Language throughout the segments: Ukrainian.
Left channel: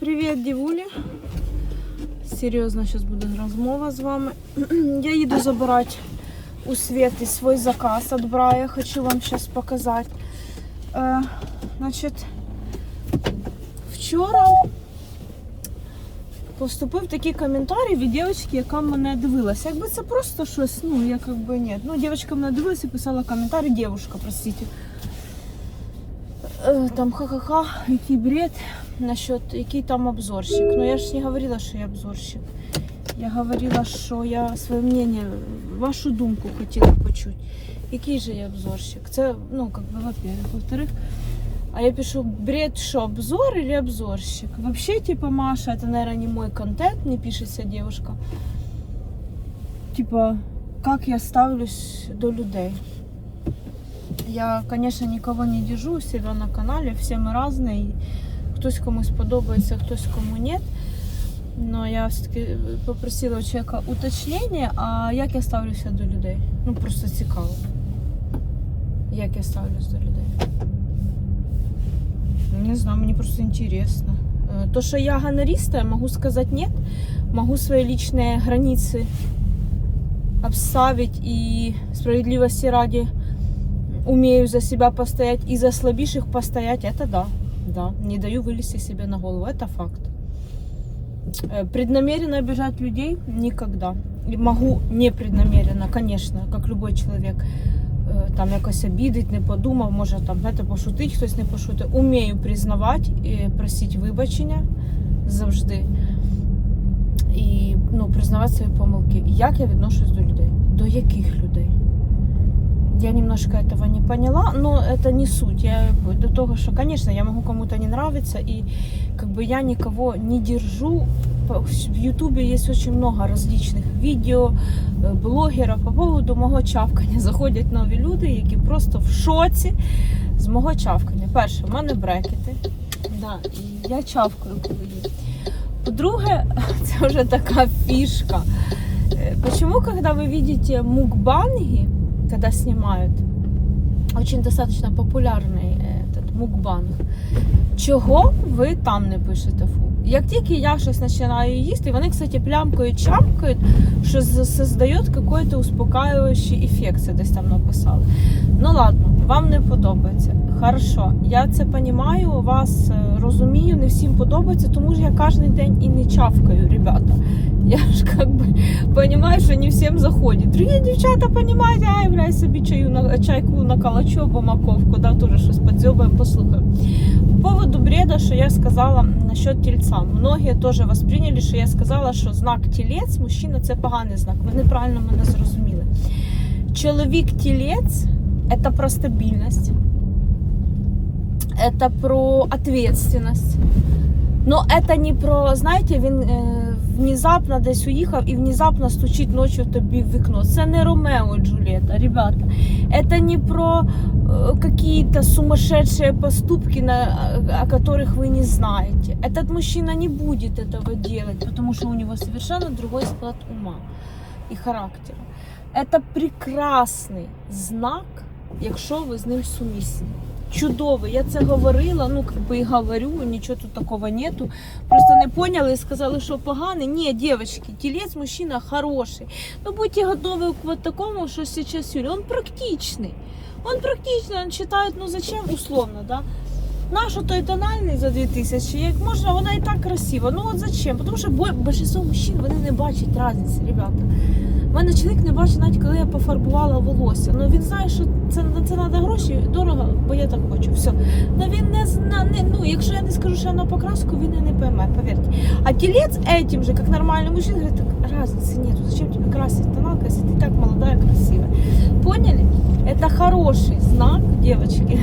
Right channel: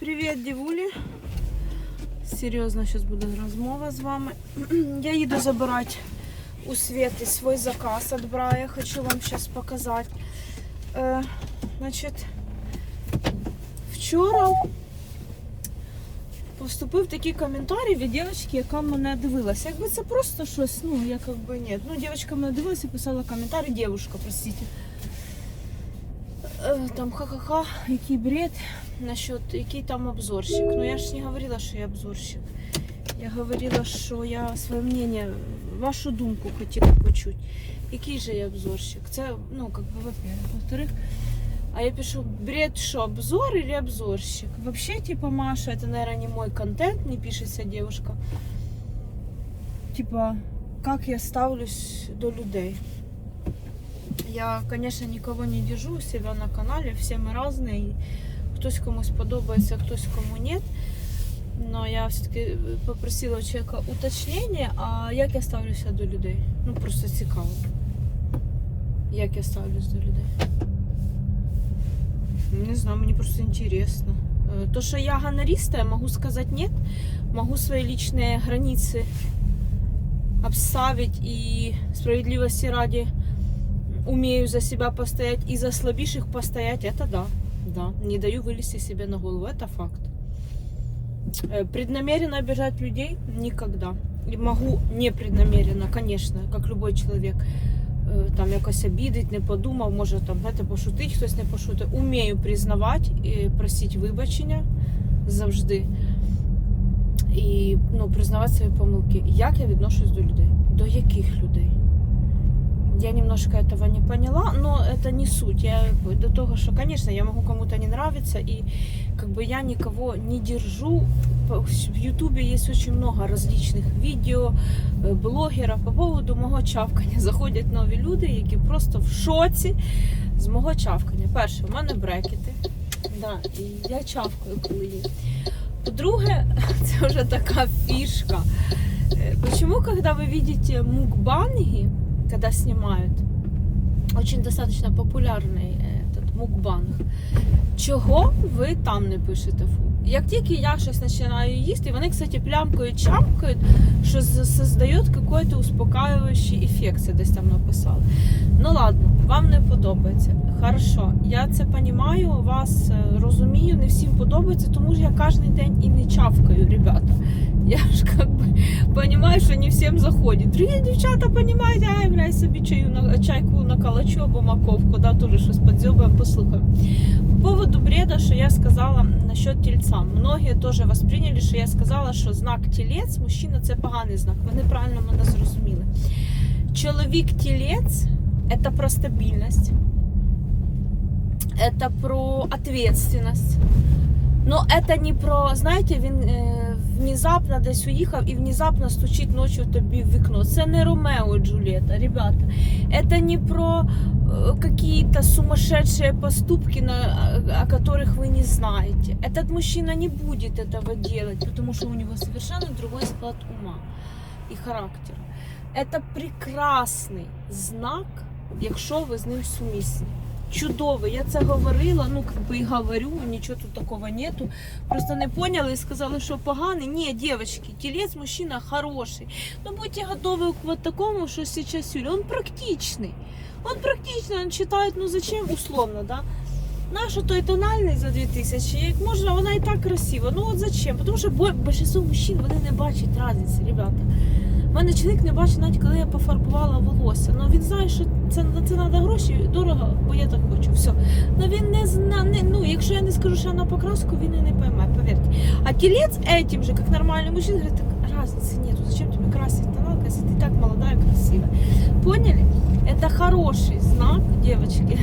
Привіт, дівулі. Серйозно, зараз буде розмова з вами. Я їду забирати у Світи свій заказ від Брая. Хочу вам зараз показати. Е, значить, вчора поступив такий коментарій від дівчинки, яка мене дивилася. Якби це просто щось, ну, я как би ні. Ну, дівчинка мене дивилася і писала коментарі, дівчинка, простите. Е, Там ха-ха-ха, який бред насчет, який там обзорщик. Ну я ж не говорила, що я обзорщик. Я говорила, що я своє мнение, вашу думку хотіла почути. Який же я обзорщик? Це, ну, как бы, во-первых. Во-вторых, а я пишу, бред, что, обзор или обзорщик? Вообще, типа, Маша, это, наверное, не мой контент, не пишется девушка. Типа, как я ставлюсь до людей. Я, конечно, никого не держу у себя на канале, все мы разные. и Хтось комусь подобається, хтось кому нет. Но я все-таки попросила у человека уточнення, а як я ставлюся до людей? Ну просто цікаво. Як я ставлюсь до людей? Не знаю, мені просто интересно. Э, То, что я гонориста, я могу сказать нет. Могу свои личные границы обставить и справедливости ради умею за себя постоять и за слабейших постоять, это да. Да, не даю вылезти себе на голову, это факт. Э, Преднамеренно обижать людей никогда. И могу непреднамеренно, конечно, как любой чоловік, е, там якось обідить, не подумав, може там знаєте, пошутить, хтось не пошутить. Умію признавати і просити вибачення завжди. І ну, признавати свої помилки. Як я відношусь до людей? До яких людей? Я немножко этого не поняла, но это не суть. Я до того, что, конечно, я могу кому-то не нравиться, и как бы я никого не держу. По- В Ютубе есть очень много различных видео, э, блогеров по поводу мого чавкання. Заходять нові люди, які просто в шоці з мого чавкання. Перше, в мене брекети. Да, і я чавкаю, коли їм. По-друге, це вже така фішка. Э, Почему, когда вы видите мукбанги, когда снимают, очень достаточно популярний е, этот мукбанг, чого ви там не пишете фу? Як тільки я щось починаю їсти, вони, кстати, плямкають, чамкають, що создає какой-то успокаюючий ефект, це десь там написали. Ну ладно, вам не подобається. Хорошо, я це розумію, вас е, розумію, не всім подобається, тому що я кожен день і не чавкаю, ребята. Я ж как бы понимаю, що не всім заходить. Другі дівчата розуміють, ай, бля, собі чаю на чайку накалачу або маковку, да, теж щось подзьобаємо, послухаємо. По поводу бреда, що я сказала насчет тельца. Многие тоже восприняли, що я сказала, що знак тілець, мужчина це поганий знак. Ви неправильно мене зрозуміли. Чоловік тілець це про стабільність, це про ответственность. Но это не про, знаєте, він е, внезапно десь уїхав і внезапно стучить ночі тобі в вікно. Це не Ромео і Джульєта, ребята. Это не про э, какие-то сумасшедшие поступки, на, о которых вы не знаете. Этот мужчина не будет этого делать, потому что у него совершенно другой склад ума и характера. Это прекрасний знак, якщо ви з ним сумісні. Чудовий. Я це говорила, ну как би і говорю, нічого тут такого нету. Просто не поняли і сказали, що поганий. Ні, девочки, телец мужчина хороший. Но будьте готовы к вот такому, что сейчас Юля. Он практичный. Он практичный, он считает, ну зачем условно, да? Нашу той тональний за 2000, як можна, вона і так красива. Ну от зачем? Тому що бо- більшість мужчин вони не бачать різниці, ребята. У мене чоловік не бачить, навіть коли я пофарбувала волосся. Ну він знає, що це на це треба гроші, дорого, бо я так хочу. Все. Ну він не зна, не, ну якщо я не скажу, що я на покраску, він і не пойме, повірте. А телец этим же, как нормальный мужчина, говорит, так разницы нету, зачем тебе красить тоналка, если ты так молодая, красивая. Поняли? Это хороший знак, девочки.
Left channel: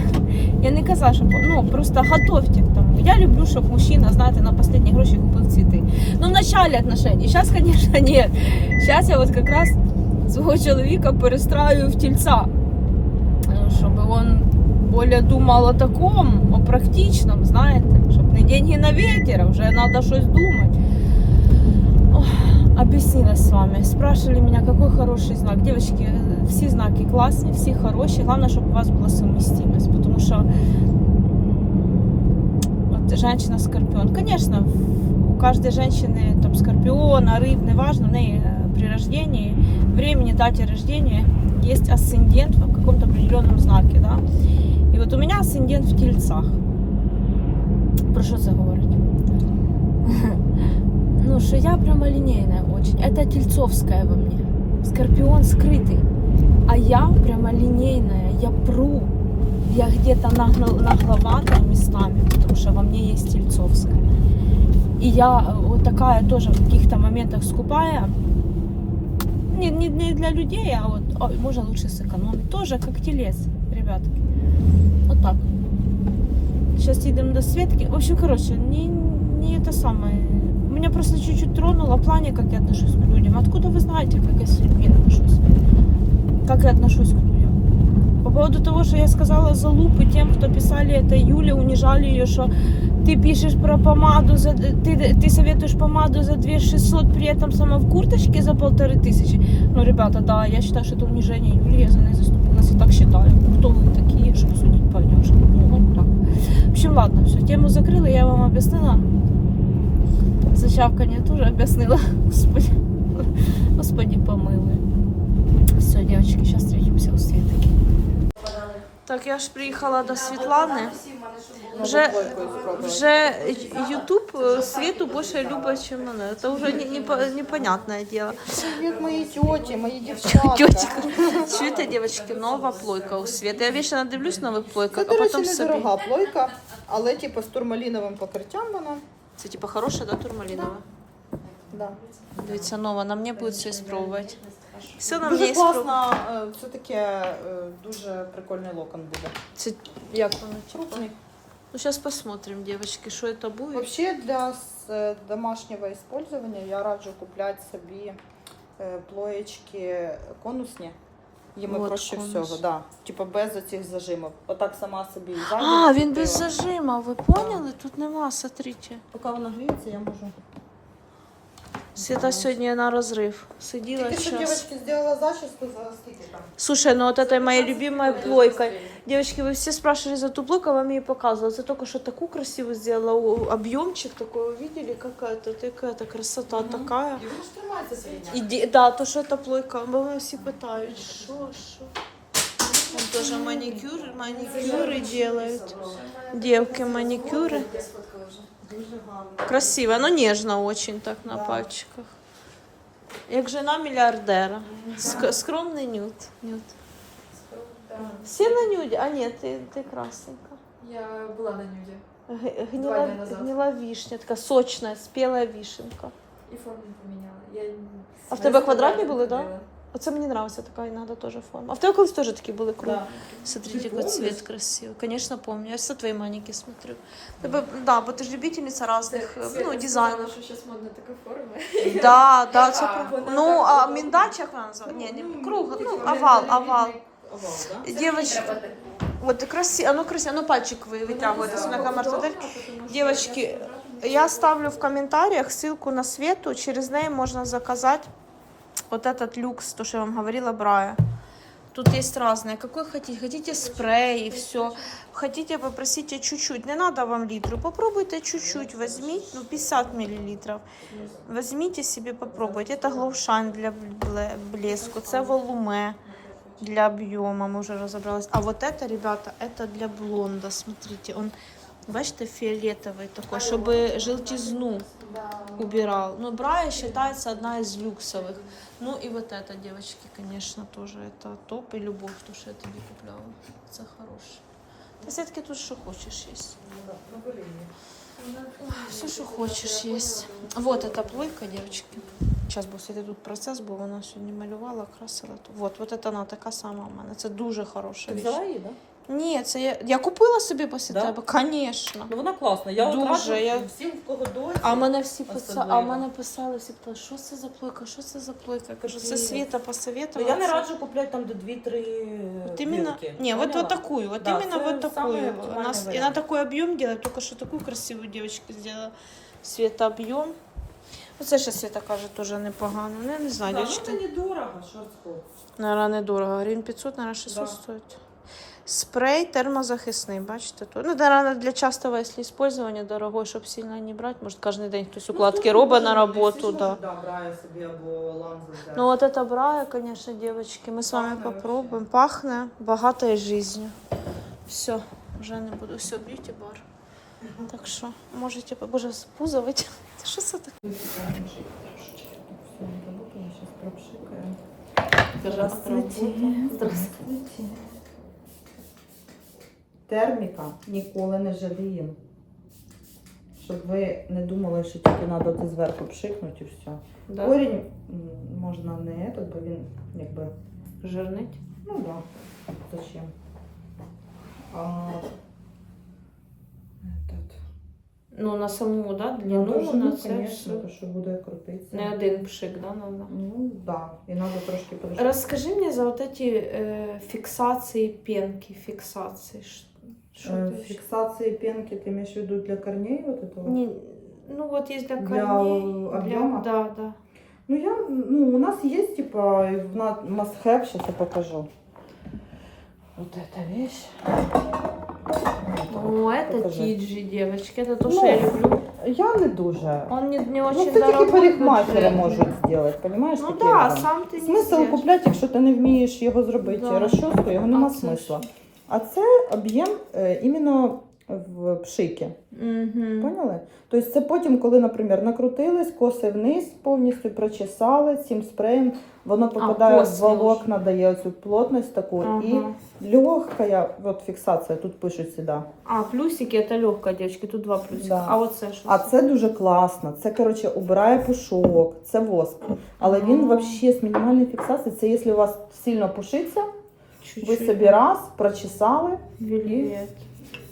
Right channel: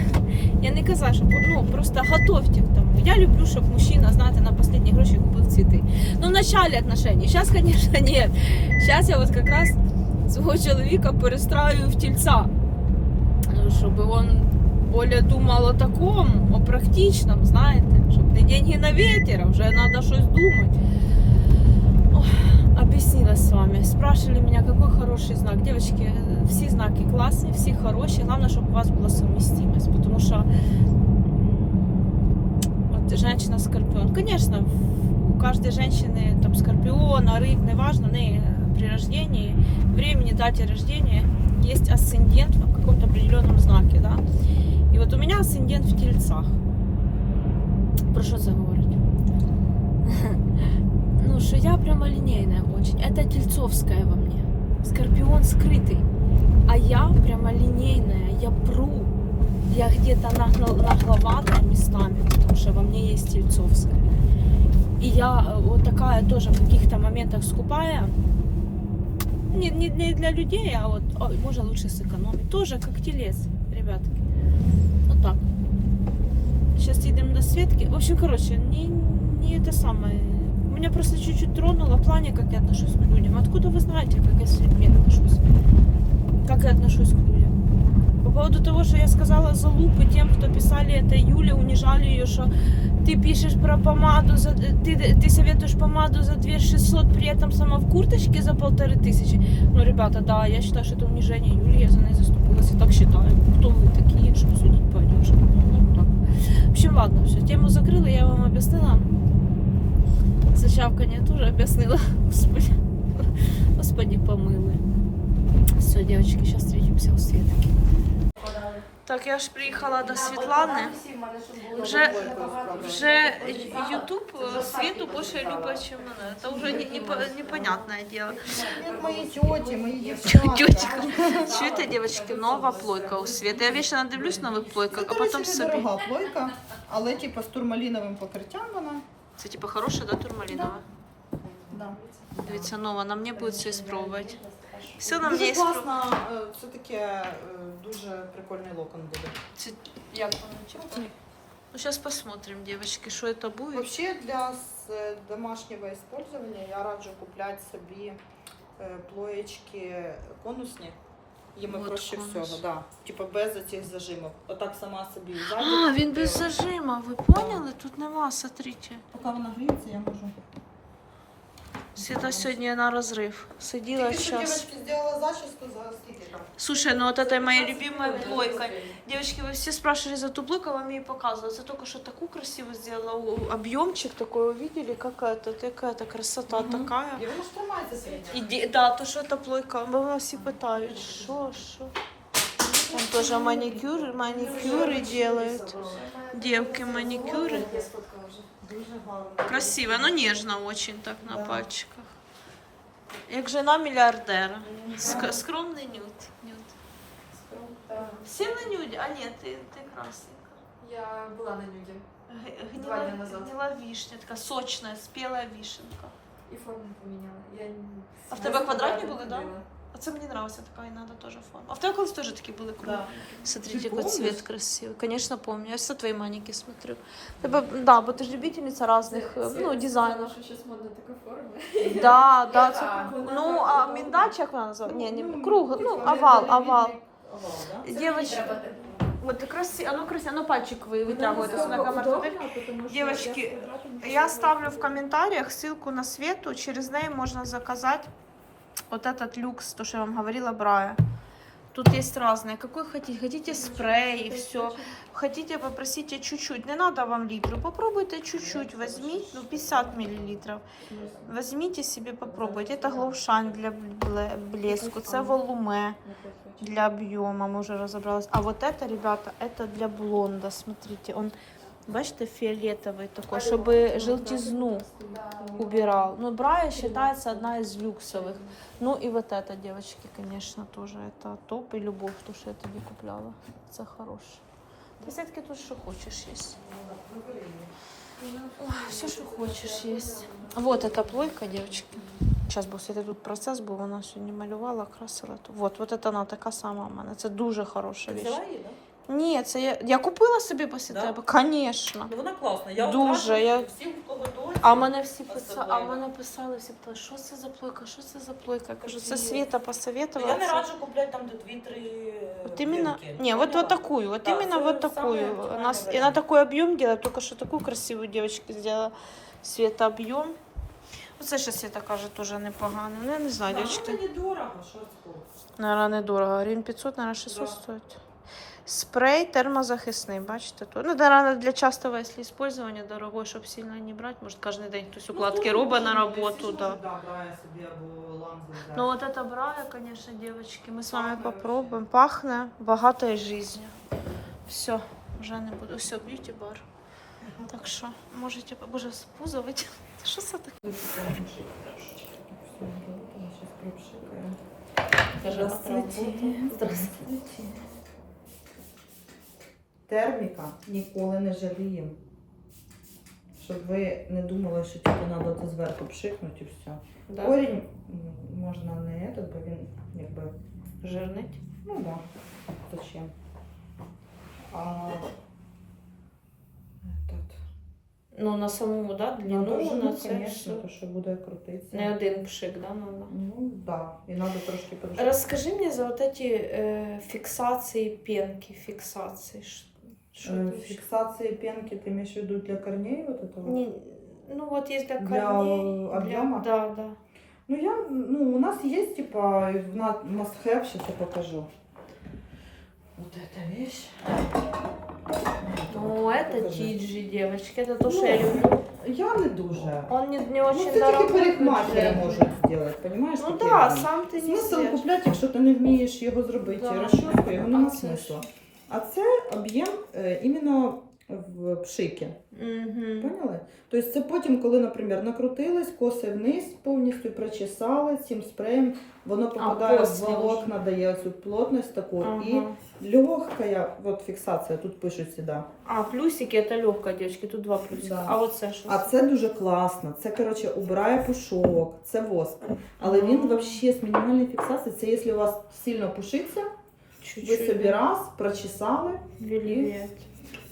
Я не казала, що ну просто готовьте к тому. Я люблю, щоб мужчина, знаєте, на последні гроші купив цвіти. Ну, в начале отношений. Сейчас, конечно, нет. Сейчас я вот как раз свого чоловіка перестраю в тельца, Э, чтобы он более думал о таком, о практичном, знаєте, щоб не деньги на ветер, а вже треба щось думати. Ох, Объяснилась с вами. Спрашивали меня, какой хороший знак. Девочки, э, все знаки классные, все хорошие. Главное, чтобы у вас была совместимость. Потому что м, вот женщина скорпион. Конечно, у каждой женщины там скорпиона, рыб, неважно, ней э, при рождении, времени, дате рождения есть асцендент в каком-то определенном знаке, да. И вот у меня асцендент в тельцах. Про що це говорить? Ну, что я прямолинейная очень. Это тельцовская во мне. Скорпион скрытый. А я прямолинейная, я пру. Я где-то нагловатая местами, потому что во мне есть тельцовская. И я э, вот такая тоже в каких-то моментах скупая. Не, не, не для людей, а вот ой, можно лучше сэкономить. Тоже как телец, ребятки. Вот так. Сейчас едем до Светки. В общем, короче, не, не это самое. Меня просто чуть-чуть тронуло в плане, как я отношусь к людям. Откуда вы знаете, как я с людьми отношусь? Как я отношусь к людям? По поводу того, что я сказала залупы тем, кто писали это Юле, унижали ее, что ты пишешь про помаду, за, ты, ты советуешь помаду за 2600, при этом сама в курточке за полторы тысячи. Ну, ребята, да, я считаю, что это унижение Юли, я за ней заступилась, я так считаю. Кто вы такие, чтобы судить по одежке? Ну, вот так. В общем, ладно, все, тему закрыла, я вам объяснила. Зачавканье тоже объяснила. Господи, Господи, помилуй. Все, девочки, сейчас встретимся у Светки. Так, я ж приїхала до Світлани. Вже, вже Ютуб е, Світу більше любить, ніж мене. Це вже не, не, непонятне діло. Тети, мои девчата. Тетя, чуєте, дівчатки, нова плойка у Світи. Я вічно надивлюсь нових плойках, а Це, потім собі. недорога плойка, але типу з турмаліновим покриттям вона. Це типа хороша, да, турмалінова? Да. Дивіться, нова, на мені буде все спробувати. Все на Дуже спробувати. класно, е, це таке е, дуже прикольний локон буде. Це як воно? Ну, сейчас посмотрим, девочки, что это будет. Вообще для с- е, домашнього использования я раджу купляти собі е, плоєчки конусні. Їм Вот проще конус. всього, да. Типа без оцих зажимів. Отак сама собі і А, він без зажима, ви поняли? Тут нема, смотрите. Поки вона гріється, я можу. Света сьогодні на розрив. Сиділа Тільки що сейчас. дівчатки зробила зачіску за скільки там? Слушай, ну вот это моя любимая плойка. Девочки, вы все спрашивали за ту плойку, я вам ее показывала. За только что такую красивую сделала. У- Объемчик такой увидели, какая-то, какая-то красота Мгм. такая. І вона ж тримається свій. І ді- да, то що це плойка, бо мене всі питають, що, що. Там тоже маникюр, маникюры делают. Девки маникюры. Дуже гарно. Красиво, но нежно очень так на пальчиках. Як жена миллиардера. Ск- скромний нюд. нюд. Всі на нюді? А ні, ти, ти красненька. Я была на нюде. Г- Два Гнила, дня назад. гнила вишня, така сочна, спіла вишенка. И форму поменяла. Я... А в тебе квадратні квадратные були, да? Оце мені нравится така іноді теж форма. А в тебе колись теж такі були круті. Да. Смотрите, Ты какой помнишь? цвет красивый. Конечно, помню. Я все твои маники смотрю. Тебе, да, бо ти ж любительница разных э, ну, дизайнов. сейчас модно такая форма. Да, да, це А, про... вона Ну, так, а ну, миндач, як вона називається? Ні, не круг, ну, типа, овал, рівний овал. Овал, да? Девочки, вот красиво, оно красиво, оно пальчик вы вытягивает, если на камеру смотреть. Девочки, я ставлю в комментариях ссылку на Свету, через ней можно заказать Вот этот люкс, то, что я вам говорила, Брая. Тут есть разные. Какой хотите? Хотите спрей, все. Хотите, попросите чуть-чуть. Не надо вам литру. Попробуйте чуть-чуть. Возьмите, ну, 50 миллилитров. Возьмите себе, попробуйте. Это глоушайн для бле- блеску. Це волуме для объема. Мы уже разобрались. А вот это, ребята, это для блонда. Смотрите, он, бачите, фиолетовый такой, чтобы желтизну убирал. Ну, Брая считается одна из люксовых. Ну и вот это, девочки, конечно, тоже это топ и любовь, то, что я тебе купляла. Это хорошее. Ты все-таки тут что хочешь есть. Все, что хочешь есть. Вот эта плойка, девочки. Сейчас був світи тут процес, бо вона сьогодні малювала, красила. Вот, вот это вона така сама у мене. Це дуже хороша Ти річ. взяла її, да? Ні, це я, я купила собі після Да? тебе, звісно. Ну вона класна. Я Дуже, одразу я- всім, в кого досі. А мене всі писали, а Особливо. мене писали, всі питали, що це за плойка, що це за плойка? Я кажу, це Такі- Світа Ну, посоветувала. Я не це- раджу купляти там, де дві-три Вот именно, пилки. не, вот, Ну, вот такую, вот да, именно это вот самый такую. оптимальный Она, с- и вариант. она такой объем делает, только что такую красивую девочка сделала. Света объем. Ну, це ще Света каже, теж непогано. Ну, я не знаю, Да, ну дівчатки. це недорого, що це. Наверное, недорого. Гривень 500, наверное, 600 Да. стоит. Спрей термозахисний, бачите тут. Ну, для частого, якщо использования, дорогой, щоб сильно не брати. Може, кожен день хтось укладки робить на роботу. Да. Брає. Ну вот это брая, конечно, девочки. Мы с вами попробуем. Пахне богатой жизнью. Все, вже не буду. Все, б'юті бар. Так що, можете, боже, спузувати. Що це таке? Здравствуйте. Здравствуйте Терміка ніколи не жаліємо. Щоб ви не думали, що тільки треба це зверху пшикнути і все. Да? Корінь м, можна не этот, бо він якби. Жирнить. Ну да. Зачем? А этот. Ну, на саму, да, длину, Ну, на ну, це конечно, все. то, що буде крутитися. Не один пшик, да, надо? Ну, да. І треба трошки подождати. Расскажи мне за вот эти э, фиксации пенки, фиксации. Ш- Что Э, это вообще? Фиксации пенки ты имеешь в виду для корней вот этого? Не, ну вот есть для Для корней. объема? да, да. Ну, я, ну, у нас есть, типа, на must have, сейчас я покажу. Вот эта вещь. Ну, это Покажи. Тиджи, девочки. Это то, Ну, что я люблю. Я не дуже. Он не, не Ну, очень це тільки дорогой. парикмахери бюджетный. можуть зробити, понимаєш? Ну таке да, воно? сам ты не Смисл сделаешь. купляти, якщо ти не вмієш його зробити Да. розчоску, його нема А це смисла. А це об'єм е, іменно в пшики. Мгм. Поняли? Тобто це потім, коли, наприклад, накрутились, коси вниз повністю прочесали цим спреєм, воно попадає в після волокна, дає цю плотність таку. Ага. І легкая от фіксація, тут пишуть сюди. А, плюсики это легкая, девочки. Тут два плюсика. Да. А вот це що? А це дуже класно. Це, коротше, убирає пушок, це воск. Але він взагалі з мінімальною фіксацією, це якщо у вас сильно пушиться, ви Чуть-чуть. собі раз прочесали. Вельвет.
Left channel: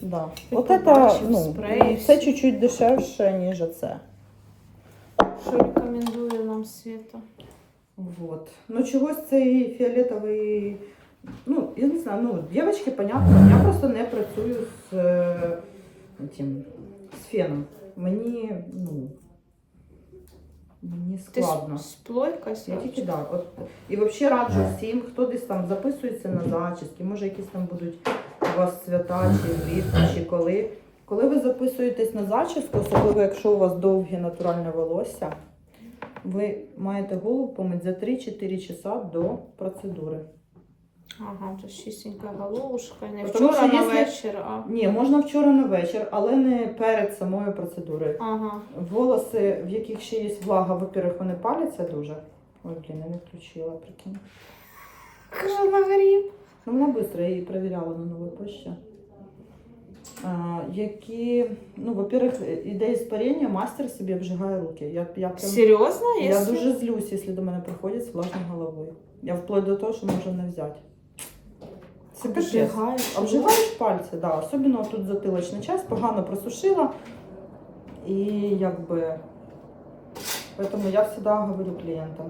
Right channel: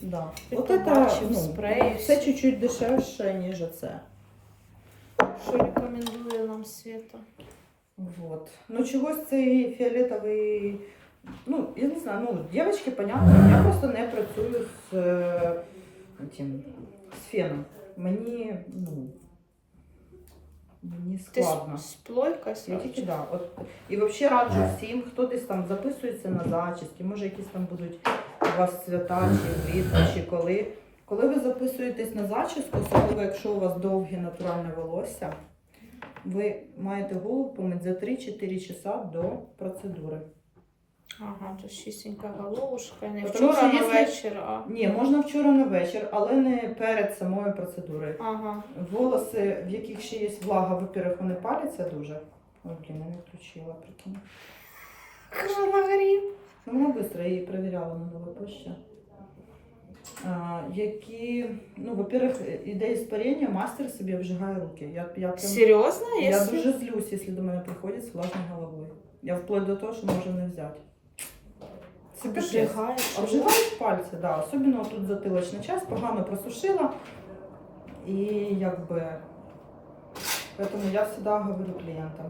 Да. Ти От це, ну, спрей, це всі. чуть-чуть дешевше, ніж це. Що рекомендує нам Света? Вот. Ну, чогось цей фіолетовий. Ну, я не знаю, ну, дівчатки, понятно, я просто не працюю з, е, тим, з феном. Мені, ну, мені складно. Ти сплойка Я тільки да. От, і взагалі раджу всім, хто десь там записується на зачіски, може якісь там будуть у вас свята чи влітку, чи коли. Коли ви записуєтесь на зачіску, особливо якщо у вас довге натуральне волосся, ви маєте голову помити за 3-4 часа до процедури. Ага, то чистенька головушка. Не Потому вчора що на якщо- вечір, а. Ні, можна вчора на вечір, але не перед самою процедурою. Ага. Волоси, в яких ще є влага, во-первых, вони паляться дуже. Ой, блін, я не включила, прикинь. Коронавирус. Ну, вона швидко, її перевіряла на новій пошті. А, які, ну, во-первых, іде іспарення, мастер собі обжигає руки. Я, я, прям, Серйозно? я Якщо... дуже злюсь, якщо до мене приходять з власною головою. Я вплоть до того, що можу не взяти. Це капець. Обжигаєш. Обжигають пальці, да. Особливо тут затилочний час, погано просушила. І якби. Поэтому я завжди говорю клієнтам.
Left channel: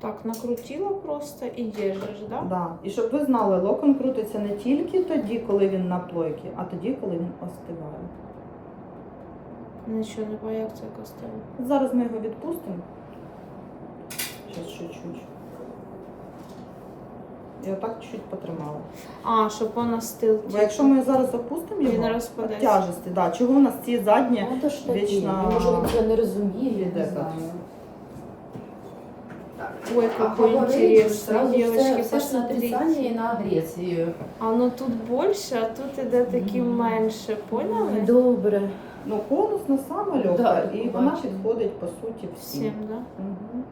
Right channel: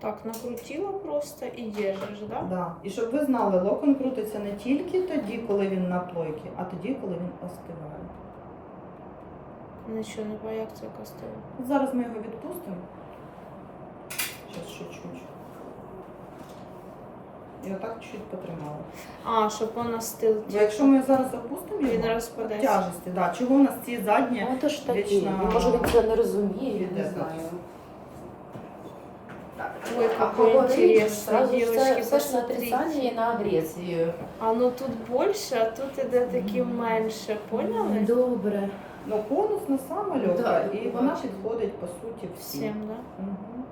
Так, накрутила просто і держиш, да? Да. І щоб ви знали, локон крутиться не тільки тоді, коли він на плойці, а тоді, коли він остиває. Нічого не це костело. Зараз ми його відпустимо. Зараз чуть-чуть. І отак чуть потримали. А, щоб вона стил. Бо якщо ми зараз запустимо Він його, розпадеться. от тяжесті, да. чого у нас ці задні Ну, то ж таки, Вічно може він це не розуміє, піде не так. знаю. Ой, какой интересный, девочки, на посмотрите. на агресію. А ну тут більше, а тут іде такі менше, поняли? Добре. Ну, конусна сама легка, Да, і вона бачу. підходить по суті всім. Всім, да? Мгм.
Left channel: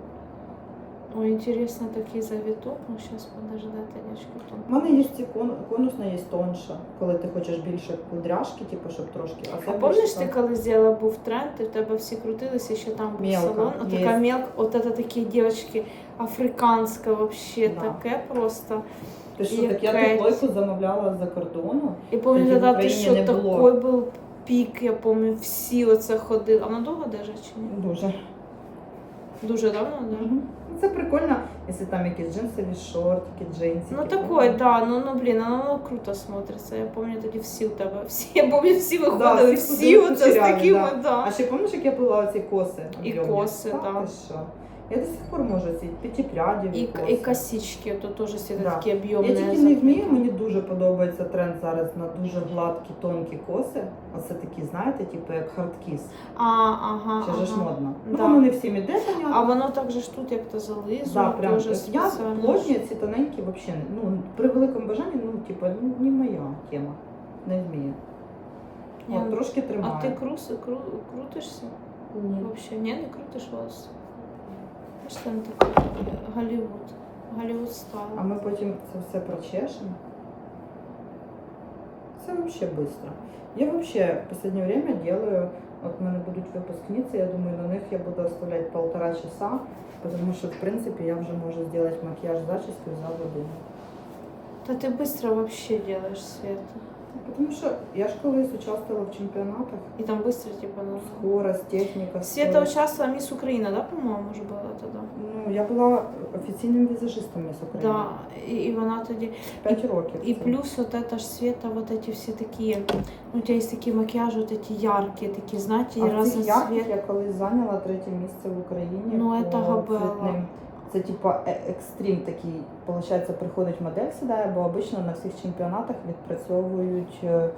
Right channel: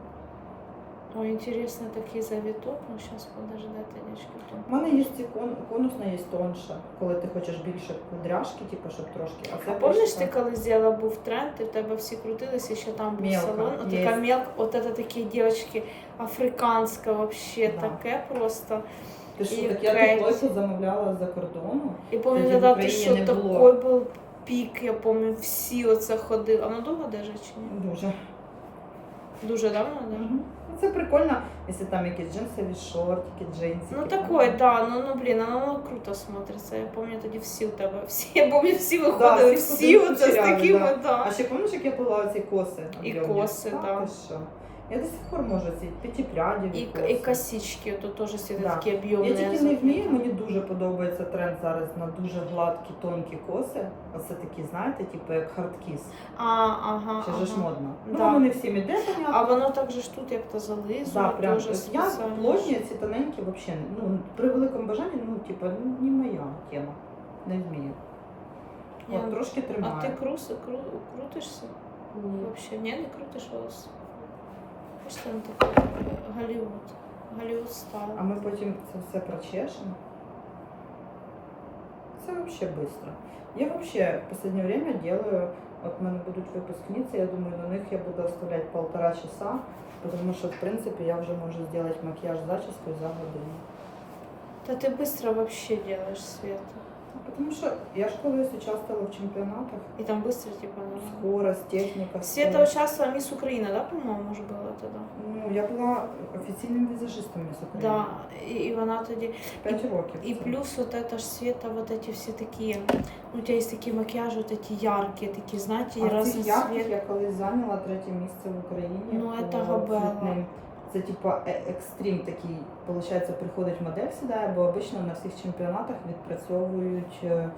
Ой, интересно, такий завиток. Ну, сейчас подождать, девочки. Тут. У мене є ці кон... конусна є тонша, коли ти хочеш більше кудряшки, типу, щоб трошки. А, А помниш, ти коли зробила був тренд, і в тебе всі крутилися, ще там був Мелко, салон. От така мелка, от это такі дівчатки, африканська вообще, Да. таке просто. Ти що, так я ту плойку замовляла з-за кордону. І помню, Тоді ти що, такий був пік, я пам'ятаю, всі оце ходили. А вона довго держить чи ні? Дуже. Дуже давно, да? Мгм. Ну, Це прикольно, якщо там якісь джинсові шортики, джинсики. Ну такой, да, ну, ну блін, ну, ну круто смотриться. Я пам'ятаю тоді всі у тебе, всі, я пам'ятаю, всі виходили, всі всі ходили оце з кучеряві, такими, да. да. А ще пам'ятаєш, як я плила оці коси? І об'ємні? коси, Та да. ти що? Я до сих пор можу ці п'ятипрядіві И, коси. и косички, это тоже всегда Да. такие Я объемные. тільки не вмію, мені дуже подобається тренд зараз на дуже гладкі, тонкі коси. Оце такі, знаєте, типу як хардкіс. А, ага, Ще ж ага. модно. Ну Да. воно не всім іде, понятно. А воно так же ж тут як-то зализує, Да, прям тоже от я спеціально. плотні, ці тоненькі взагалі. Ну, при великому бажанні, ну, типу, ну, не моя тема. Не вмію. Ні, От, трошки А тримаю. ти крус, кру, крутишся? Ні. Вообще, ні, не крутиш волос. Ось там такий е, Голлівуд. Голлівуд стайл. А ми потім це все прочешемо. Це взагалі швидко. Я вообще в останнє время делаю, от в мене будуть випускниці, я думаю, на них я буду оставляти полтора часа, тому що, в принципі, я вже можу зробити макіяж зачіску за годину. Та ти швидко вообще делаешь, Света. Тому що я ж колись участвувала в чемпіонатах. І там быстро, типа, ну... Скорость, техніка. Света скорость. участвовала Мисс Украина, да, по-моєму, вже була тоді? Ну, я була офіційним візажистом Міс України. Да, і, і вона тоді. П'ять років. И це. плюс вот это ж Света, вот эти все такие, ну, у тебя есть такие макияжи, вот эти яркие, такие, знаете, А в цих ярких разноцветные. я колись зайняла третє місце в Україні. Ну, по це габела. цвітним. Це типа е- екстрім такий, виходить, приходить модель сідає, бо обично на всіх чемпіонатах відпрацьовують е,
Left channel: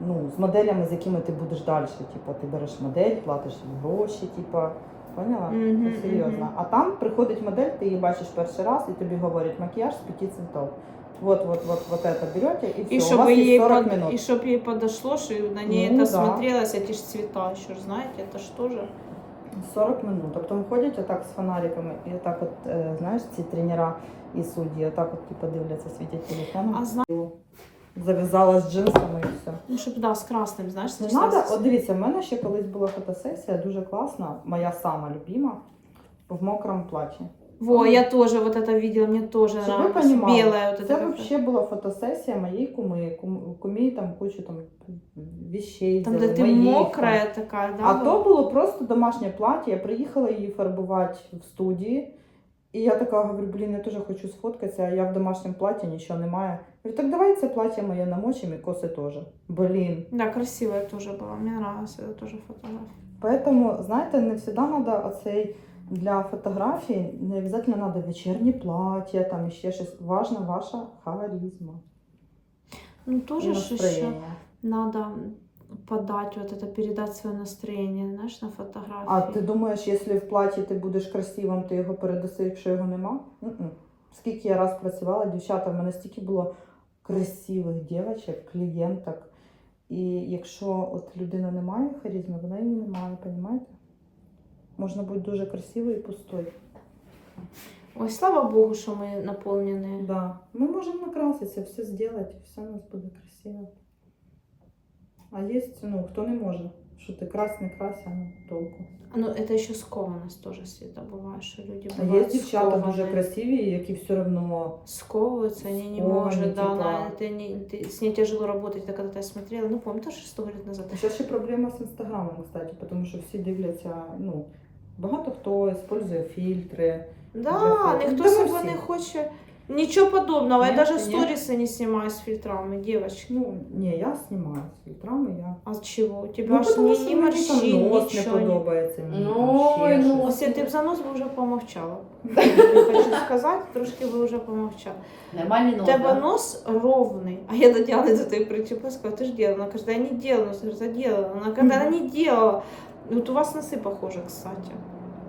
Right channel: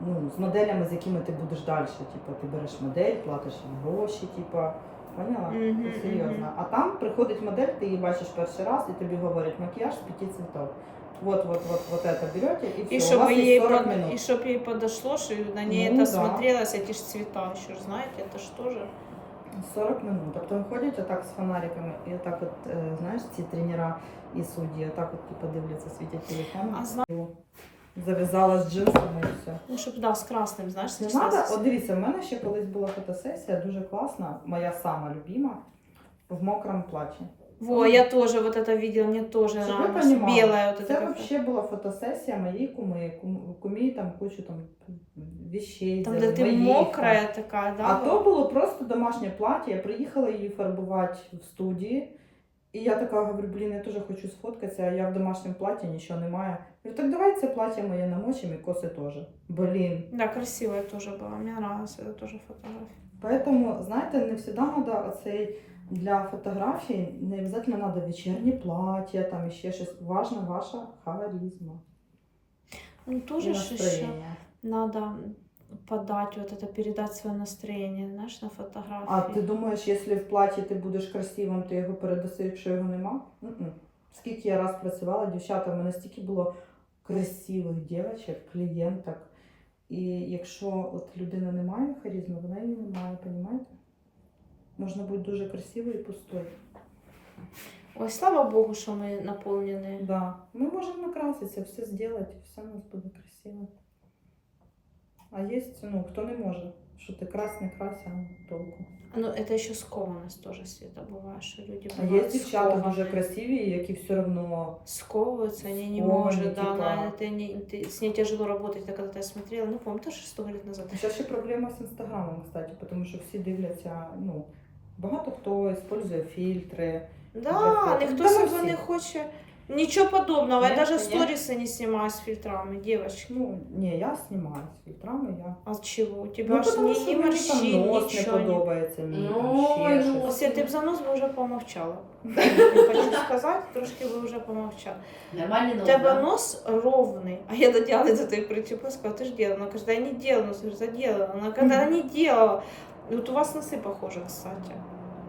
ну, з моделями, з якими ти будеш далі. Типа ти береш модель, платиш їй гроші, типа. Поняла? Мгм, Це серйозно. мгм. А там приходить модель, ти її бачиш перший раз, і тобі говорять макіяж з п'яти цвітов. Вот, вот, вот, вот это берете, и все. И у чтобы, вас есть ей 40 под- минут. и чтоб ей подошло, что на ней Ну, это да. смотрелось, эти ж цвета еще, ж знаете, это ж тоже. 40 минут. Тобто ходять отак з фонариками, і отак от, е, знаєш, ці тренера і судді, отак от типу дивляться, світять телефоном. А зна... Зав'язала з джинсами і все. Ну, щоб, да, з красним, знаєш, Не надо, от дивіться, в мене ще колись була фотосесія, дуже класна, моя сама любима, в мокрому платі. Во, я тоже вот это видела, мне тоже Щоб ви нравилось. понімали, Белая вот это Це как... взагалі була фотосесія моєї куми, кум- кумі там кучу там вещей. Там, взяли, де ти моїх, мокрая така, да? А була? то було просто домашнє плаття. Я приїхала її фарбувати в студії. І я така говорю, блін, я теж хочу сфоткатися, а я в домашньому платі нічого немає. Говорю, так давай це плаття моє намочимо і коси теж. Блін. Да, красивая тоже была, мне нравилась эта тоже фотография. Поэтому, знаєте, не завжди треба оцей для фотографій, не обов'язково треба вечірнє плаття, там ще щось. Важна ваша харизма. Ну, тоже еще надо подать вот это, передать свое настроение, знаешь, на фотографии. А ти думаєш, якщо в платі ти будеш красивим, ти його передаси, якщо його нема? М-м. Скільки я раз працювала, дівчата, в мене стільки було красивих дівчат, клієнток. І якщо от людина не має харизми, вона її не має, розумієте? Можна бути дуже красивою і пустою. Ой, слава богу, что мы наполнены. Да. Ми можемо накраситися, все зробити, все у нас буде красиво. А є, ну, хто не може, що ти крась, не крась, а ну, толку. Ну, это еще скованность тоже, Света, бывает, что люди А є бывают дівчата дуже скованные. красиві, які все одно Сковываются, они не Скованные, могут, да, типа. она, это не, ты- с ней тяжело работать, это когда-то я смотрела, ну, помню, тоже сто лет назад. Ще ще проблема з інстаграмом, кстати, тому що всі дивляться, ну, багато хто використовує фільтри. Да, фото. ніхто Да ми себе всі. не хоче. Нічого подобного. Ні, я даже ні. сторисы не снимаю с фильтрами, девочки. Ну, ні, я знімаю з фільтрами, я. А чего? У тебя Ну, ж тому ни, що ни мені там морщин, нос не ничего не... подобається, мені там Ну, ще ну, щось. Если ты б за нос бы уже помовчала. Я хочу сказать, трошки бы уже помовчала. Нормальний У нос. тебя да? нос ровный. А я доделала до той причепы, сказала, ты же делала. Она кажется, я не делала. Я говорю, да делала. Она когда она не делала. Вот у вас носы похожи, кстати.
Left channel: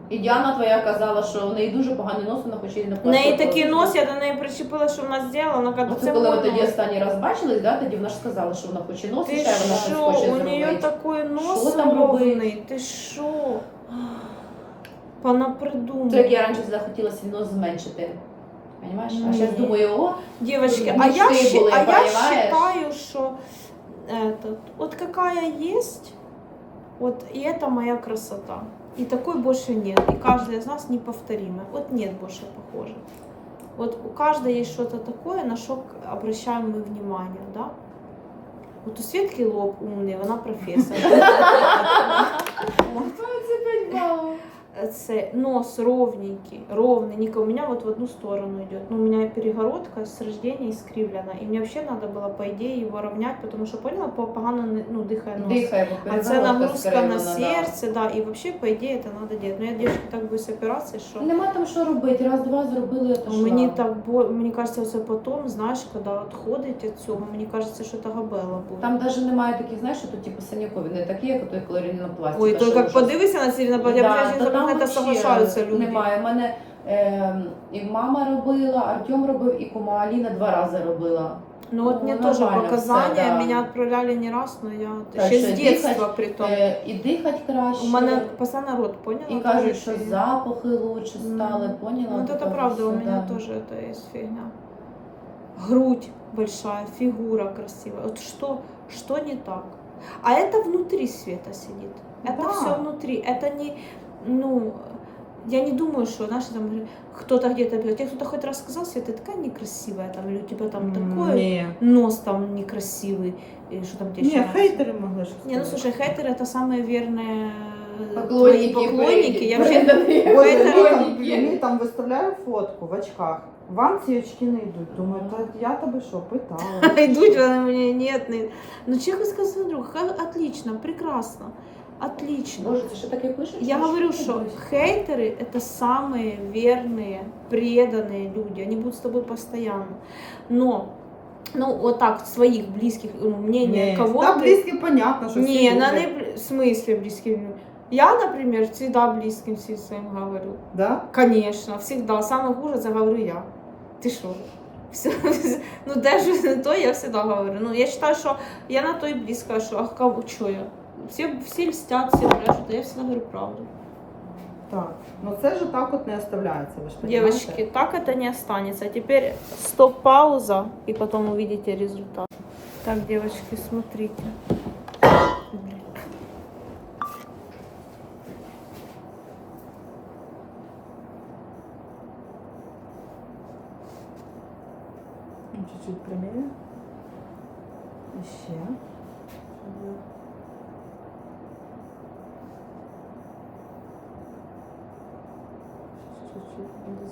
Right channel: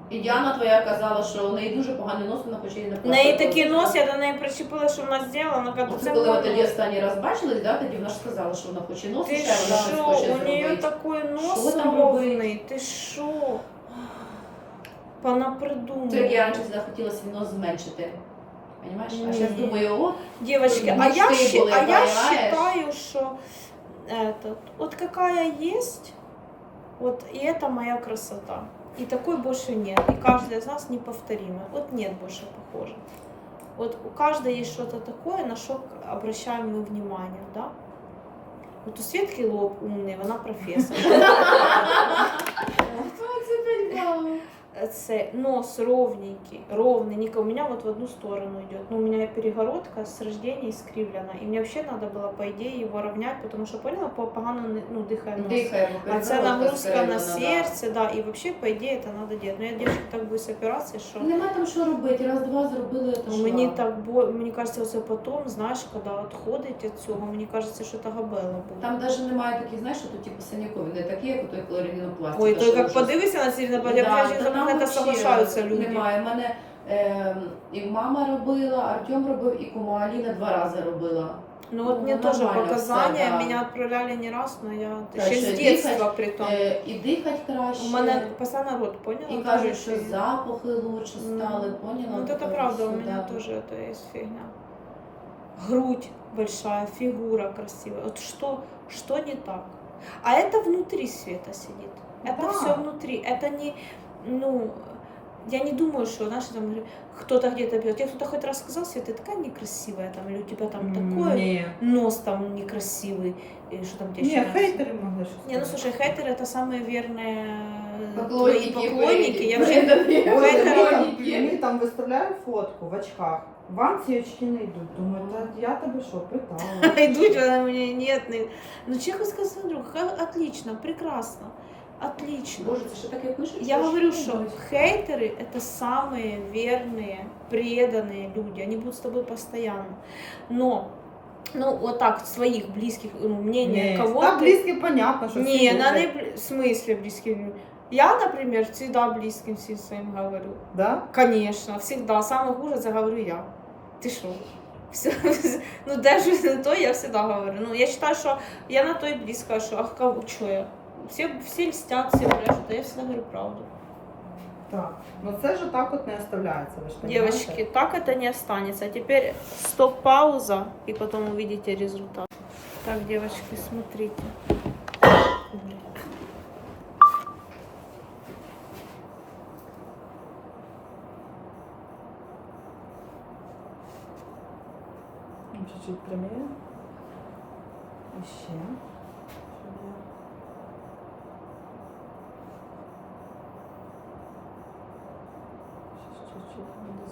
І Діана твоя казала, що у неї дуже поганий нос, вона хоче її не У неї такий нос, я до неї причепила, що вона зробила, вона каже, Ну, це це коли ви мой тоді нос. останній раз бачились, да, тоді вона ж сказала, що вона хоче нос, Ты і ще вона щось шо? хоче У нее зробити. такой нос Що там ровный. Ты шо? Пона То як я придумала. раніше захотіла свій нос зменшити. Понимаєш? А Ні. зараз думаю, о, Девочки, Ну, а я, мечты щи- были, а я понимаешь? считаю, что этот, вот какая есть, вот и это моя красота. И такой больше нет. И каждый из нас неповторимый. Вот нет больше похожих. Вот у каждой есть что-то такое, на что обращаем мы внимание, да? Вот у Светки лоб умный, она профессор. Вот. це опять мало. це нос ровненький, ровный, не ко- у меня вот в одну сторону идет. Ну, у меня перегородка с рождения искривлена. И мне вообще надо было, по идее, его равнять, потому что, поняла, по- погано не- ну, дыхая нос. Дихає, бо А це перегородка нагрузка на скривлена, да. серце, да, і вообще, по ідеї, це треба робити. Ну, я дівчинка так боюсь операції, що Нема там що робити, раз-два зробили, то ну, що? мені так бо мені кажеться, це потім, знаєш, коли відходить від цього, мені кажеться, що це габела буде. Там навіть немає таких, знаєш, що тут типу синякові, не такі, як у той колорінопластика. Ой, то що як щось- подивися на ці на я Да, бачу, та що там на це вообще соглашаються люди. Немає. У мене е, і мама робила, Артем робив, і кума Аліна два рази робила. Ну от Ну, мне тоже нормально показания, все, да. меня отправляли не раз, но я Краще ще з дихать, детства при том. Е, і дихати краще. У мене постійно рот, поняла? і Тоже кажуть, що фігня. запахи лучше стали, Мгм. поняла? Ну, вот это Таке правда, у все, меня да. тоже это есть фигня. Грудь большая, фигура красивая. Вот что, что не так? А это внутри света сидит. Это Да. все внутри. Это не, ну, я не думаю, что, знаешь, там кто-то где-то бьет. Тебе кто-то хоть раз сказал, Света, ты такая некрасивая, там, или у тебя там такой Ні. нос там некрасивый, и что там тебе Ні, еще нравится? хейтери могли щось. Не, ну сказати. слушай, хейтеры это самые верные Поклонники, твои поклонники. Я вообще Бреда. Боже, хейтери- мені там, мені там виставляю фотку в очках. Вам ці очки не йдуть. Думаю, та я тебе що, питала. идут, вони мені нет, не. Ну чесно сказати, друг, ха- отлично, прекрасно, отлично. Боже, це що таке пишуть? Я Це говорю, що что таке? хейтеры это самые верные, преданные люди. Они будут с тобой постоянно. Но, ну, вот так, своих близких, ну, мнение Ні. кого Та близькі, понятно, що всі Не, на не люблять. бли- в смысле близким? Я, например, всегда близким всем своим говорю. Да? Конечно, всегда. Самое хуже это говорю я. Ты что? Все, ну даже то я всегда говорю. Ну, я считаю, что я на то и близко, что а кого, что я? Все, все льстят, все брешут, а я всегда говорю правду. Так. Ну це ж так от не оставляється, ви ж розумієте? Девочки, так это не останется. А теперь стоп-пауза, и потом увидите результат. Так, девочки, смотрите. Блин. Ну, Чуть-чуть прямее. Ще.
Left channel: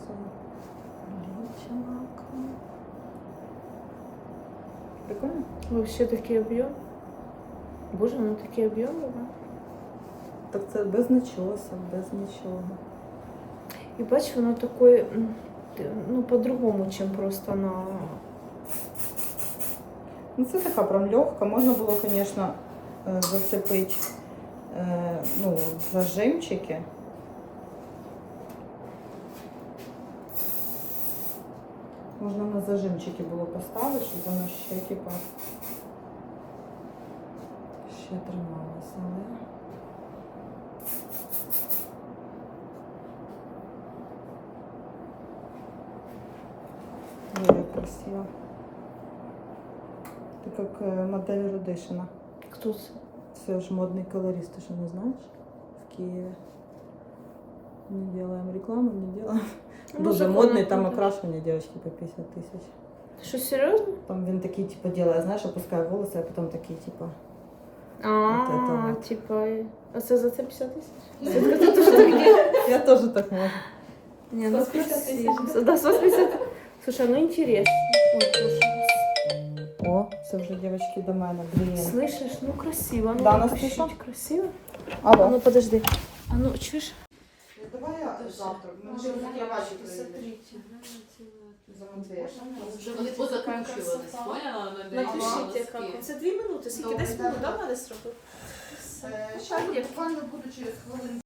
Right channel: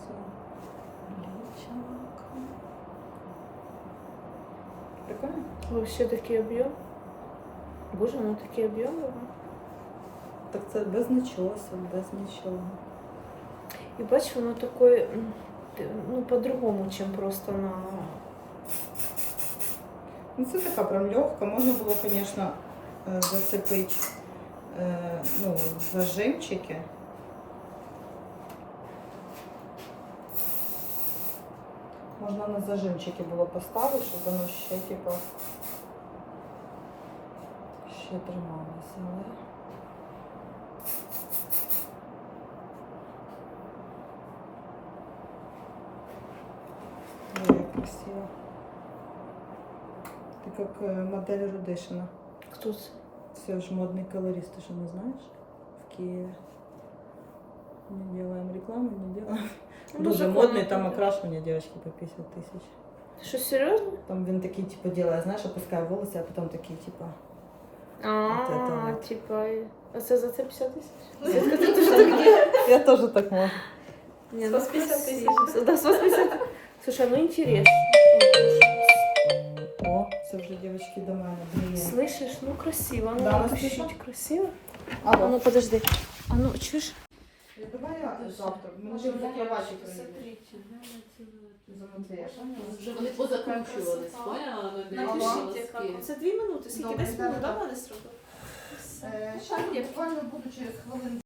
Чуть-чуть буду залічила. Прикольно? Вообще такие объемы. Боже, ну такие объемы. да? Так це без начоса, без нічого. И бачиш, воно такое, м, ти- ну, по-другому, чем просто на... Ну, це така прям легка. Можна було, звісно, е, зацепити е, ну, зажимчики. Можна на зажимчики було поставити, щоб воно ще, типа, ще трималося, але. Як красиво. Ты как э, модель Рудышина. Кто це? Все же модный колорист, ты что, не знаешь? В Киеве. Не делаем рекламу, не делаем. Ну, Дуже законно модний, там ходить. окрашивание девочки по 50 тысяч. Що, серйозно? Там він такий, типа, делає, знаєш, опускає волоси, а потім такий, типа. А, это вот. типа, і- а це за це 50 тисяч? Світка, ти теж так робиш? Я теж так можу. Не, ну 150 красиво. Да, 150. Слушай, ну интересно. Ой, боже. О, це вже девочки до мене. Блін. Слышишь, ну красиво. Ну, Да, ну Настюша? красиво. А Алло. ну подожди. А ну, чуєш? Давай я завтра. Ми вже на кровачі приїдеш. Замонтуєш. Вони позакінчувались, поняла? Напишіть, як. Це дві минути. Скільки? Десь минут, да. да, надо зробити? Ще буквально буду через хвилин